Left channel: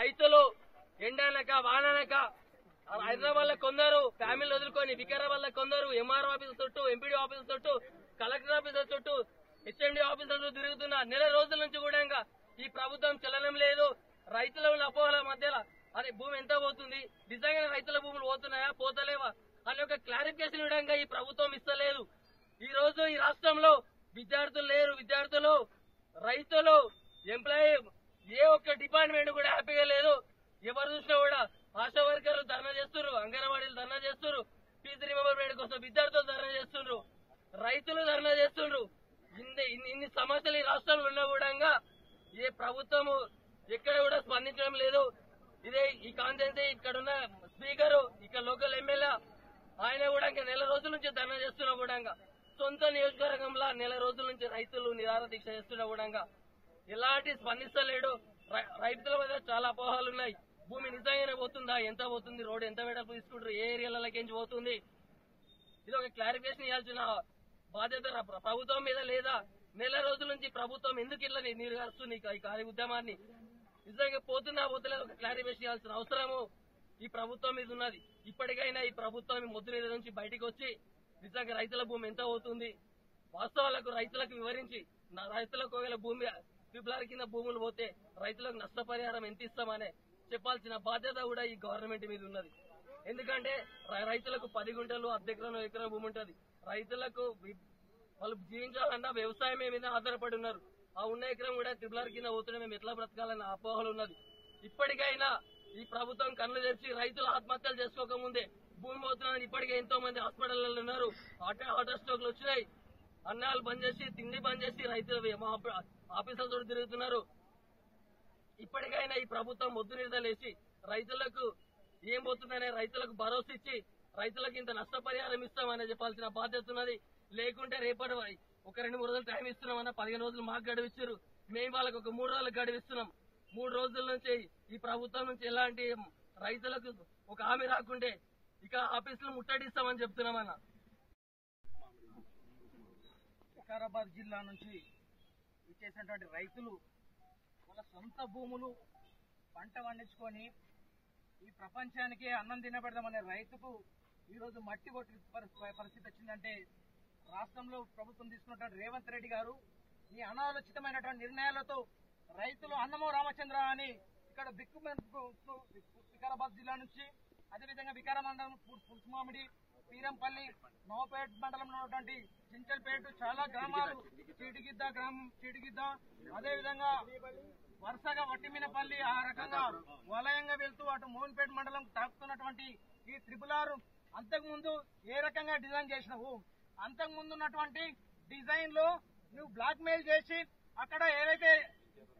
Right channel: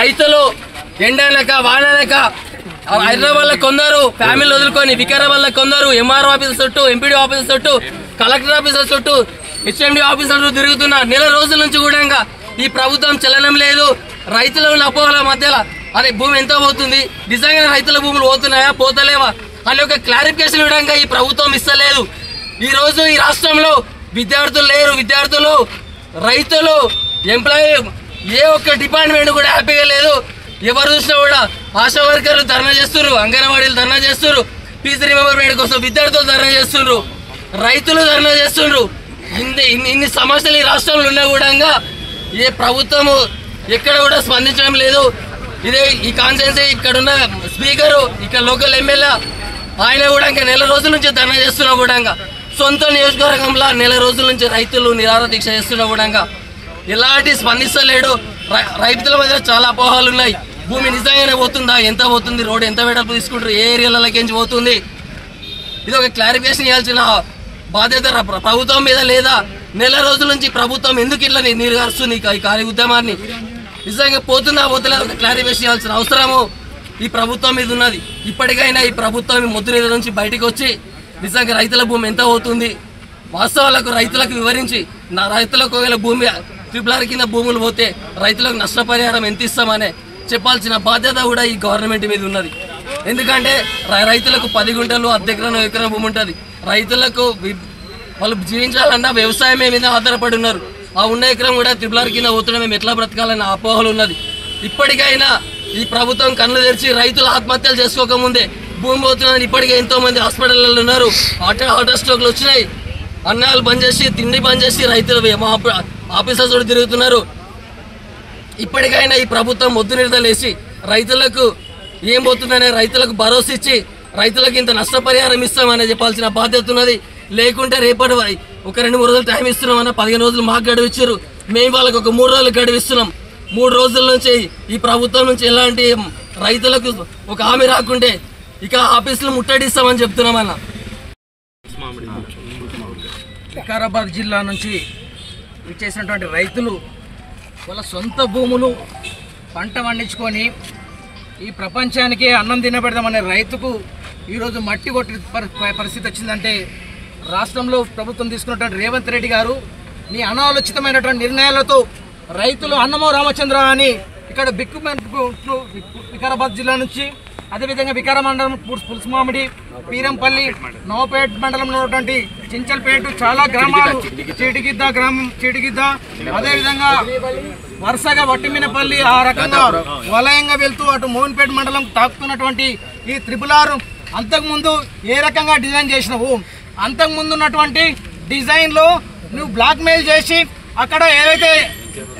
రైతులు ఎండనక వాననక హైదరాబాద్ లో కొందరు ఫ్యామిలీ వదులుకొని వికారాబాద్ లో కొందరు ఎంఆర్ఓ ఆఫీసర్ చుట్టూ ఎంపీడీ ఆఫీసర్ చుట్టూ కలెక్టర్ ఆఫీసర్ చుట్టూ హెచ్ఎండి ఆఫీసర్ తిరుగుతున్న నెల రోజుల నుంచి కూడా ఈ ప్రభుత్వం చలనం లేదు. రైతుల అపోహల మధ్యలో అదే భూమి ఎంత పోతుంది, నిజంగా రైతుల భూములు పోతున్నాయా పోతలేవా అని ఒక క్లారిఫికేషన్ ఇవ్వడానికి ఈ ప్రభుత్వం ఇస్తలేదు. ఈ రోజు ఈ రాష్ట్రంలో విద్యార్థులు లేరు, విద్యార్థులు రైతులు ఎంప్లాయీ ఏ ఒక్క డిపార్ట్మెంట్ కూడా హ్యాపీగా లేదు. ఎవరు చూసినా కూడా ఆశా వర్కర్లు ధర్నా చేస్తున్నారు, అంగన్వాడీలు ధర్నా చేస్తున్నారు, ఫీజు రిమెంబర్మెంట్ కోసం విద్యార్థులు ధర్నా చేస్తున్నారు, రైతులు ధర్నా చేస్తున్నారు. ఇన్ని సమస్యలు ఈ రాష్ట్రంలో ఉన్నా కూడా ఏ ప్రభుత్వము ఎక్కడ కూడా స్పందించడం లేదు. ఇదే ఈ కాన్స్టిట్యున్సీ ఇక్కడున్న స్పీకరు ఇక్కడ లోకల్ ఎమ్మెల్యే ఆయన కూడా ఇంకా నెల రోజుల నుంచి ధర్నా చేస్తున్నా కూడా సొంత నియోజకవర్గంలో నెల రోజుల నుంచి రైతులు నిరాహార దీక్ష చేస్తున్నా కూడా ఎలాంటి స్పందిస్తలేడు. రైతుల మధ్య చాలా అపోహలు ఉన్నాయి. భూమి నిజంగానే పోతుందా, ఎంత పోతుంది, రోడ్డు ఎంత వెడల్పు తీసుకుంటారు, ఏ ఏరియాలకి పోతుంది, ఇది ఒక క్లారిఫికేషన్ ఇవ్వాల్సిన బాధ్యత ప్రభుత్వం మీద లేదా? నెల రోజుల నుంచి ప్రభుత్వం ఎందుకు ఇట్లా నీరు గారుస్తుంది ఈ కార్య ఉద్యమాన్ని? నిజంగా పోతుందా పోతలేదు ఒక క్లారిఫికేషన్ ఇవ్వాల్సిన అవసరము ఈ ప్రభుత్వం మీద ఉన్నది. ఇప్పటికైనా ఈ ప్రభుత్వం మొద్దు నీళ్ళ నుంచి బయటకు వచ్చి నిజంగా రైతుల భూమి ఎంత అవుతుంది వాస్తవాలకు రైతులకు వివరించి, నా రైతులకు ఒకవేళ భూమి ట్రిపుల్ కింద భూములు పోతే రైతులకు నష్టపరిహారం ఎంత ఇస్తామనే చెప్పాల్సిన బాధ్యత కూడా ఈ గవర్నమెంట్ మీద ఉన్నది. ఎందుకంటే రైతులకు 10 గుంటలు ఎకరం భూమి ఉంటుంది. రైతులకు వాళ్ళు జీవించాలన్నా వ్యవసాయమే మీద ఆధారపడి ఉన్నారు. ఆ ఉన్న ఎకరం కూడా ట్రిపుల్ కింద పోతుండే మేము ఎట్లా బ్రతకాలన్న అపోహలు ఉన్నది. ఇప్పటికైనా ఈ ప్రభుత్వం కళ్ళు తెరిచి రైతులు ఆత్మహత్యలు చేసుకోకముందే భూమి పోతున్నదని ఇప్పటికే ఎంతో మంది హాస్పిటల్లో ఉన్నారు, హార్ట్ స్ట్రోక్లు వచ్చినాయి, అన్నాలు బంద్ చేసి తిండి బంద్ చేసి రైతులు ఆఫీసర్స్ కూడా తిరుగుతున్నారు. ఇప్పటికైనా ఈ ప్రభుత్వం మొద్దు నిర్దలేసి రైతులకు ఏం పోతుందనే రైతులకు భరోసా ఇచ్చి రైతులకు ఇంత నష్టపరిహారం ఇస్తామని చెప్పాల్సిన బాధ్యత ఉన్నది. లేకుంటే రేపటి ఒక 2-3 రోజులు టైం ఇస్తున్నామన్నా 15 రోజులు మాకు గడువు ఇచ్చారు, మేము వాళ్ళకి ఒక 3 రోజులు గడువు ఇస్తున్నాం. 3 రోజుల నుంచి ఈ ప్రభుత్వం నుంచి ఎలాంటి రైతులకు ఒక హామీ రాకుంటే ఇక ఆఫీసులు ముట్టడిస్తామని చెప్తున్నామన్నా. వికారాబాద్ జిల్లా నుంచి విచ్చేసినటువంటి రైతులు వాళ్ళ సొంత భూములు పంట పండించుకొని ఈ ప్రపంచానికి అన్నం తినబెడదామనే రైతుకు ఈరోజు మట్టి కొట్టి పరిస్థితి వచ్చిందంటే రాష్ట్రంలో ప్రభుత్వం తీసుకున్నటువంటి రేవంత్ రెడ్డి గారు నీ అనాలోచితమైనటువంటి నిర్ణయాలతో రైతులు అన్నమో రామచంద్ర అని ఇక్కడ వికారాబాద్ జిల్లా నుంచి అదేవిధంగా వికార మండలం పులుసుమామిడి, పీరంపల్లి, నవపేట్ మండలంలో ఉన్నటువంటి చించల్పేట చాలా గ్రామాలు, చీటిగిద్ద అదేవిధంగా వరుసగా వట్టిమినపల్లి ఆ రకంగా వలయంగా వెళ్తూ అటు మోహన్పేట మండలం తాకుతున్నటువంటి ఈ RRR అంతకుముందు ఏ రకంగా డిజైన్ చేసినావు? అంతకుముందు ఉన్నటువంటి డిజైన్లో నువ్వు బ్లాక్ మెయిల్ చేసి అక్కడ ఏవైతే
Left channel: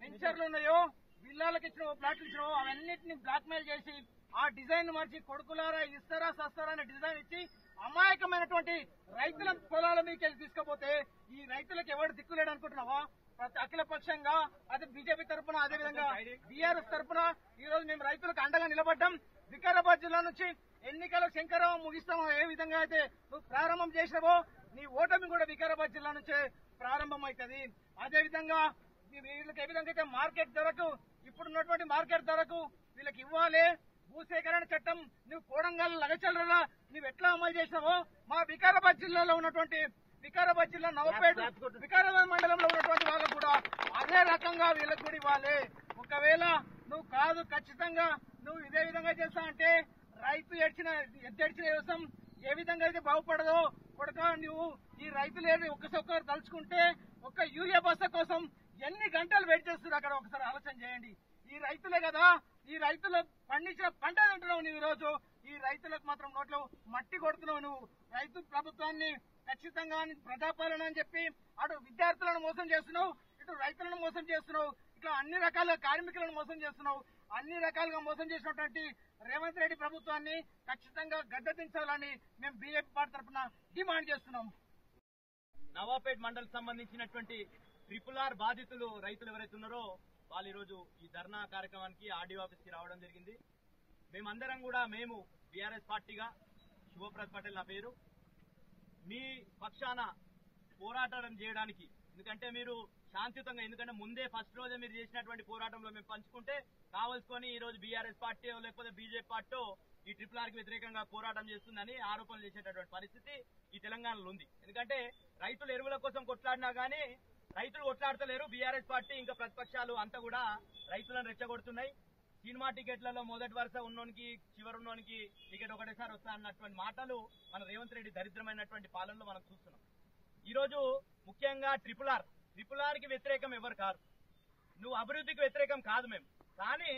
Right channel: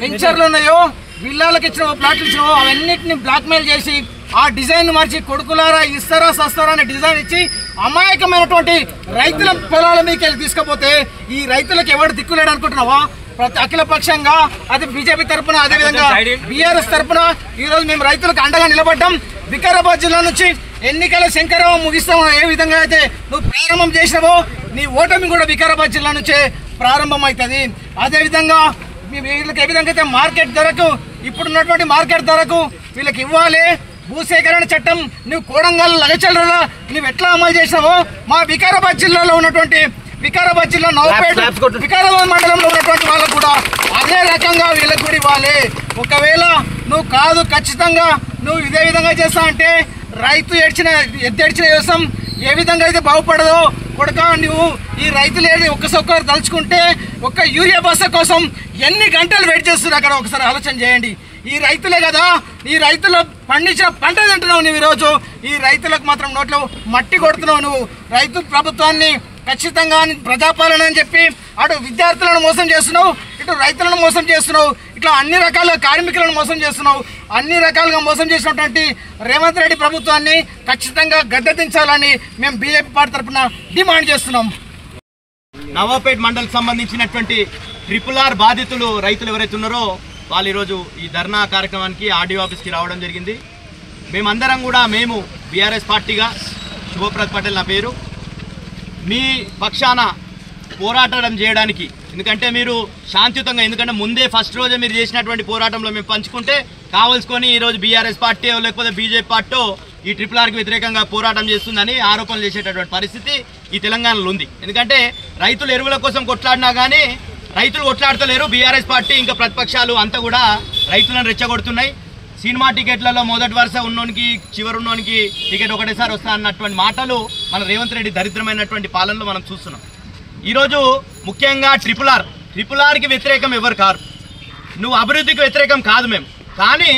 వెంచర్లు ఉన్నాయో విల్లాలకు ఇచ్చినావో ప్లాట్లు ఇచ్చినావో అవన్నిటిని బ్లాక్ మెయిల్ చేసి ఆ డిజైన్ మార్చి కొడుకులారా ఇస్తారా సస్తారా అనే డిజైన్ ఇచ్చి అమాయకమైనటువంటి రైతుల పొలాల మీదకి వెళ్ళి తీసుకపోతే ఈ రైతులకు ఎవరు దిక్కులేడు అనుకుంటున్నావా? అఖిల పక్షంగా అది బీజేపీ తరఫున అదేవిధంగా బీఆర్ఎస్ తరఫున ఈరోజు మేము రైతులకు అండగా నిలబడ్డాం. వికారాబాద్ జిల్లా నుంచి ఎన్నికల శంకరావం ముగిస్తాము. ఏ విధంగా అయితే నువ్వు ప్రారంభం చేసినావో నీ ఓటమి కూడా వికారాబాద్ జిల్లా నుంచే ప్రారంభం అవుతుంది. అదేవిధంగా వీళ్ళకి ఏ విధంగా అయితే మార్కెట్ ధరకు ఇప్పుడున్నటువంటి మార్కెట్ ధరకు వీళ్ళకి ఇవ్వాలి. భూసేకరణ చట్టం నువ్వు కోడంగల్ లగచల్లలో నువ్వు ఎట్లా అమలు చేసినావో మా వికారాబాద్ జిల్లాలో ఉన్నటువంటి వికారాబాద్ జిల్లా నవపేట వికారాబాద్ మండలంలో ఉన్నటువంటి వాళ్ళకు కూడా అదే రకంగా వీళ్ళకి కూడా ఇవ్వాలి. ఒకవేళ నువ్వు కాదు ఖచ్చితంగా నువ్వు ఇదే విధంగా చేస్తా అంటే రైతు ఎద్దెడిచిన వ్యవసాయం ఏ విధంగా అయితే బాగుపడదో కొడుక నువ్వు ఈ రైతులు ఒక్కసారి తలుచుకుంటే ఒక్క యూరియా బస్తా కోసం ఎన్ని గంటలు వెయిట్ చేస్తున్నారు అక్కడ ఒకసారి ఆలోచన చేయండి. ఈ రైతులే కదా, ఈ రైతులు పండించిన పంట తింటున్నావు నువ్వు. ఈరోజు ఈ రైతులకు మాత్రం నోట్లో మట్టి కొడుతున్నావు నువ్వు. రైతు ప్రభుత్వాన్ని ఖచ్చితంగా ప్రజాపాలన అని చెప్పి అటు విద్యార్థులను మోసం చేస్తున్నావు, ఇటు రైతులను మోసం చేస్తున్నావు, ఇట్లా అన్ని రకాల కార్మికులను మోసం చేస్తున్నావు. అన్ని రకాలుగా మోసం చేసినటువంటి రేవంత్ రెడ్డి ప్రభుత్వాన్ని ఖచ్చితంగా గద్దెదించాలని మేము బీజేపీ పార్టీ తరఫున డిమాండ్ చేస్తున్నాం. నవాపేట్ మండలికి సంబంధించినటువంటి RRR బాధితులు రైతులు ఎవరైతే ఉన్నారో వాళ్ళు ఈరోజు ఈ ధర్నా కార్యక్రమానికి ఆర్డీఓ ఆఫీస్కి రావడం జరిగింది. మేమందరం కూడా మేము బీఆర్ఎస్ పార్టీగా శుభప్రద్ పటేల్ నా పేరు, మీ పక్షాన పోరాటం చేయడానికి ఎందుకంటే మీరు శాంతియుతంగా, ఎందుకంటే ముందే ఫస్ట్ రోజే మీరు చేసినటువంటి పోరాటంలో మేము పంచుకుంటే కావాల్సుకొని ఈరోజు బీఆర్ఎస్ పార్టీ లేకపోతే బీజేపీ పార్టీ ఈ RRRకి వ్యతిరేకంగా పోరాటం చేస్తుందని ఆరోపణలు చేసేటటువంటి పరిస్థితి ఈ తెలంగాణలో ఉంది. ఎందుకంటే రైతులు ఎరువుల కోసం కొట్లాడినా కానీ రైతులు కొట్లాడతలేరు. బీఆర్ఎస్ పార్టీ ఇంకా ప్రతిపక్షాలు అంతా కూడా రైతులను రెచ్చగొడుతున్నాయి. సినిమా టికెట్లలో మొదటి వరుస ఉన్నోనికి చివరి ఉన్నోనికి టికెట్ ఒకటేసారి వస్తా అన్నటువంటి మాటలు మన రేవంత్ రెడ్డి దరిద్రమైనటువంటి పాలనలో మనం చూస్తున్నాం. ఈరోజు ముఖ్యంగా RRRకి వ్యతిరేకం ఎవరు కారు, నువ్వు అభివృద్ధికి వ్యతిరేకం కాదు మేము. కానీ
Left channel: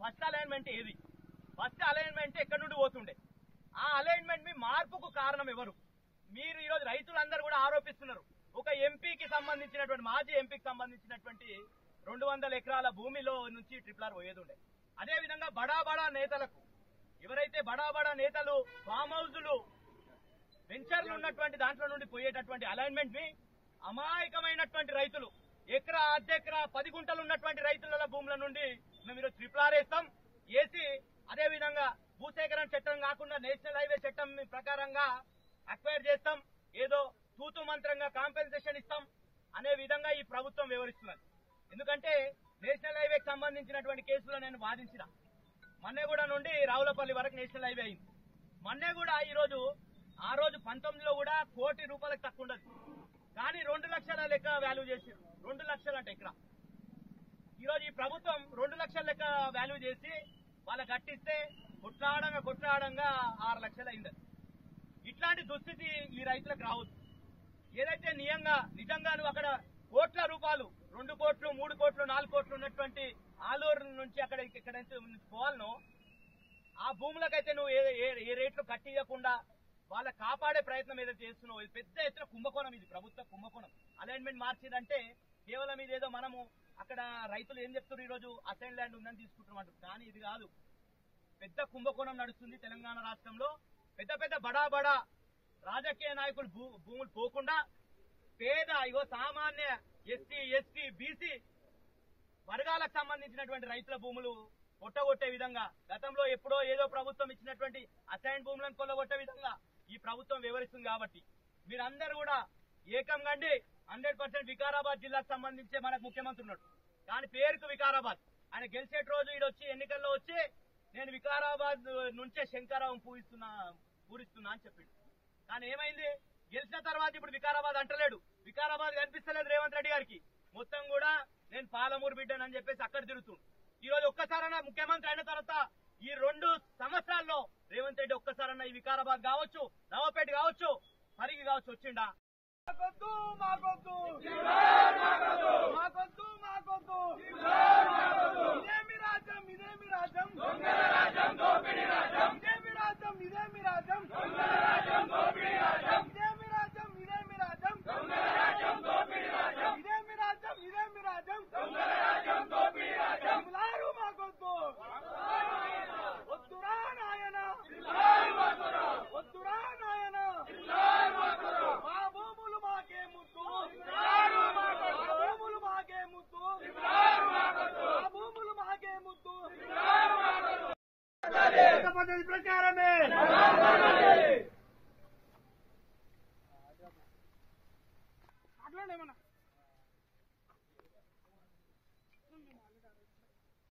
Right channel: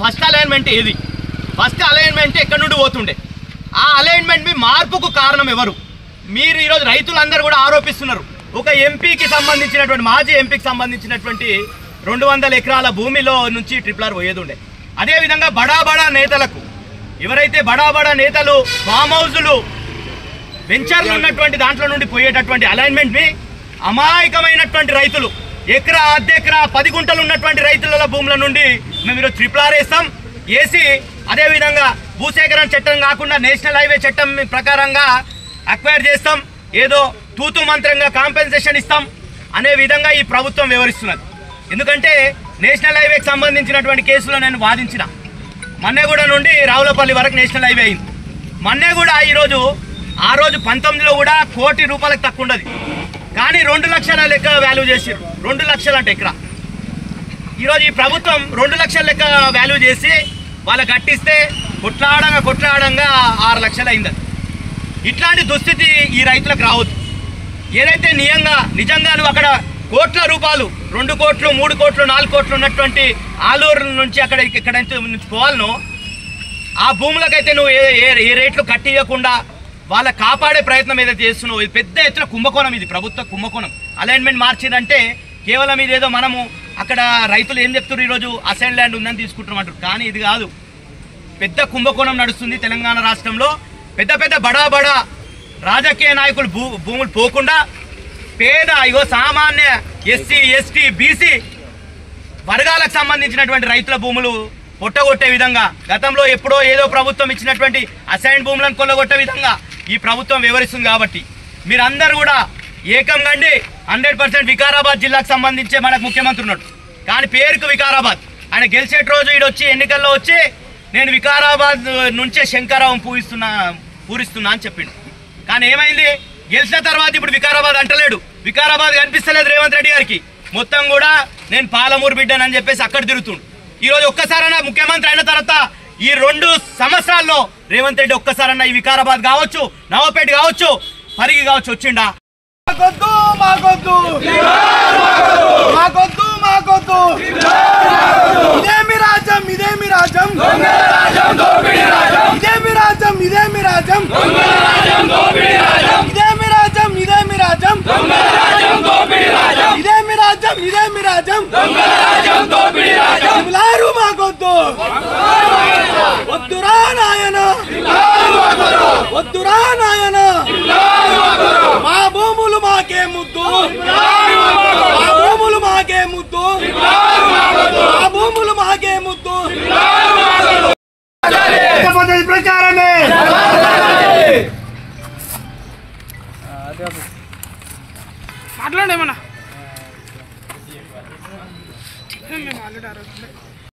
ఫస్ట్ అలైన్మెంట్ ఏది? ఫస్ట్ అలైన్మెంట్ ఎక్కడి నుండి పోతుండే? ఆ అలైన్మెంట్ మీ మార్పుకు కారణం ఎవరు? మీరు ఈరోజు రైతులందరూ కూడా ఆరోపిస్తున్నారు. ఒక ఎంపీకి సంబంధించినటువంటి మాజీ ఎంపీకి సంబంధించినటువంటి 200 ఎకరాల భూమిలో నుంచి RRR పోయేది ఉండే. అదేవిధంగా బడా నేతలకు, ఎవరైతే బడా నేతలు ఫామ్ హౌజులు వెంచర్లు ఉన్నటువంటి దాంట్లో నుండి పోయేటటువంటి అలైన్మెంట్ని అమాయకమైనటువంటి రైతులు ఎకరా అర్ధెకరా 10 గుంటలు ఉన్నటువంటి రైతుల భూముల నుండి మేము ఈరోజు RRR వేస్తాం. వేసి అదేవిధంగా భూసేకరణ చట్టం కాకుండా నేషనల్ హైవే చట్టం ప్రకారంగా అక్వైర్ చేస్తాం, ఏదో తూతు మంత్రంగా కాంపెన్సేషన్ ఇస్తాం అనే విధంగా ఈ ప్రభుత్వం వివరిస్తున్నది. ఎందుకంటే నేషనల్ హైవేకి సంబంధించినటువంటి కేసులో నేను వాదించిన మన్నెగూడ నుండి రావులపల్లి వరకు నేషనల్ హైవే అయింది. మన్నెగూడ ఈరోజు ఆ రోజు 19లో కూడా ₹1 కోటి తక్కువ ఉండదు, కానీ 2 లక్షల లెక్క వాల్యూ చేసారు. 2 లక్షలు అంటే ఎకరా. ఈరోజు ఈ ప్రభుత్వం 2 లక్షల లెక్క వాల్యూ చేసి వాళ్ళకి కట్టిస్తే కొట్లాడంగా 6 లక్షలు అయింది. ఇట్లాంటి దుస్థితి ఈ రైతులకు రావద్దు. ఏదైతే నిజంగా నువ్వు అక్కడ కోట్ల రూపాయలు 2 కోట్లు 3 కోట్లు 4 కోట్లు ఉన్నటువంటి ఆలూరు నుంచి ఇక్కడ నుంచి పోవాలనో ఆ భూములకైతే నువ్వు ఏ రేట్లు కట్టియకుండా వాళ్ళ కాపాడే ప్రయత్నం ఏదైతే చేస్తున్నావు, ఇది పెద్ద ఎత్తున కుంభకోణం. ఇది ప్రభుత్వ కుంభకోణం. అలైన్మెంట్ మార్చిందంటే కేవలం ఇదేదో మనము అక్కడ రైతులు ఏం చెప్తున్నారు, ఈరోజు అసైన్ ల్యాండ్ ఉందని తీసుకుంటున్నాం అంటారు. కానీ ఇది కాదు, పెద్ద కుంభకోణం నడుస్తుంది తెలంగాణ రాష్ట్రంలో. పెద్ద బడా రాజకీయ నాయకులు భూములు పోకుండా పేద సామాన్య ఎస్సీ ఎస్టీ బీసీ వర్గాలకు సంబంధించినటువంటి రైతుల భూములు పొట్టగొట్టే విధంగా, గతంలో ఎప్పుడో ఏదో ప్రభుత్వం ఇచ్చినటువంటి అసైన్ భూములను కొల్లగొట్టే విధంగా ఈ ప్రభుత్వం వివరిస్తుంది. కాబట్టి మీరందరూ కూడా ఏకం కండి. 100% వికారాబాద్ జిల్లాకు సంబంధించే మనకు ముఖ్యమంత్రి ఉన్నాడు, కానీ పేరుకు వికారాబాద్. ఆయన గెలిచేట రోజు ఈడొచ్చి ఎన్నికల్లో వచ్చి నేను వికారాబాద్ నుంచే శంకరావం పూరిస్తున్నా అని చెప్పిండు. కానీ ఏమైంది, గెలిచిన తర్వాత ఇప్పుడు వికారాబాద్ అంటలేడు, వికారాబాద్ కనిపిస్తలేదు రేవంత్ రెడ్డి గారికి. మొత్తం కూడా నేను పాలమూరు బిడ్డనని చెప్పేసి అక్కడ తిరుగుతుండు. ఈరోజు ఒక్కసారన్నా ముఖ్యమంత్రి అయిన తర్వాత ఈ 2 సంవత్సరాల్లో రేవంత్ రెడ్డి ఒక్కసారన్నా ఈ వికారాబాద్ కావచ్చు, నవాపేట కావచ్చు, పరిగి కావచ్చు వచ్చిండా? ఇదేమి రాజ్యం ఇదేమి రాజ్యం ఇదేమి రాజ్యం ఇదేమి రాజ్యం ఇదేమి రాజ్యం ఇదేమి రాజ్యం ఇదేమి రాజ్యం ఇదేమి రాజ్యం లారు మాకొద్దు, వద్దురా నాయన వద్దురా నాయన, మా భూములు మాకే ముద్దు, మా భూములు మాకే ముద్దు, మా భూములు మాకే ముద్దు. ప్రచారమే మాట్లాడేమన్నా మేము ఆల్రెడీ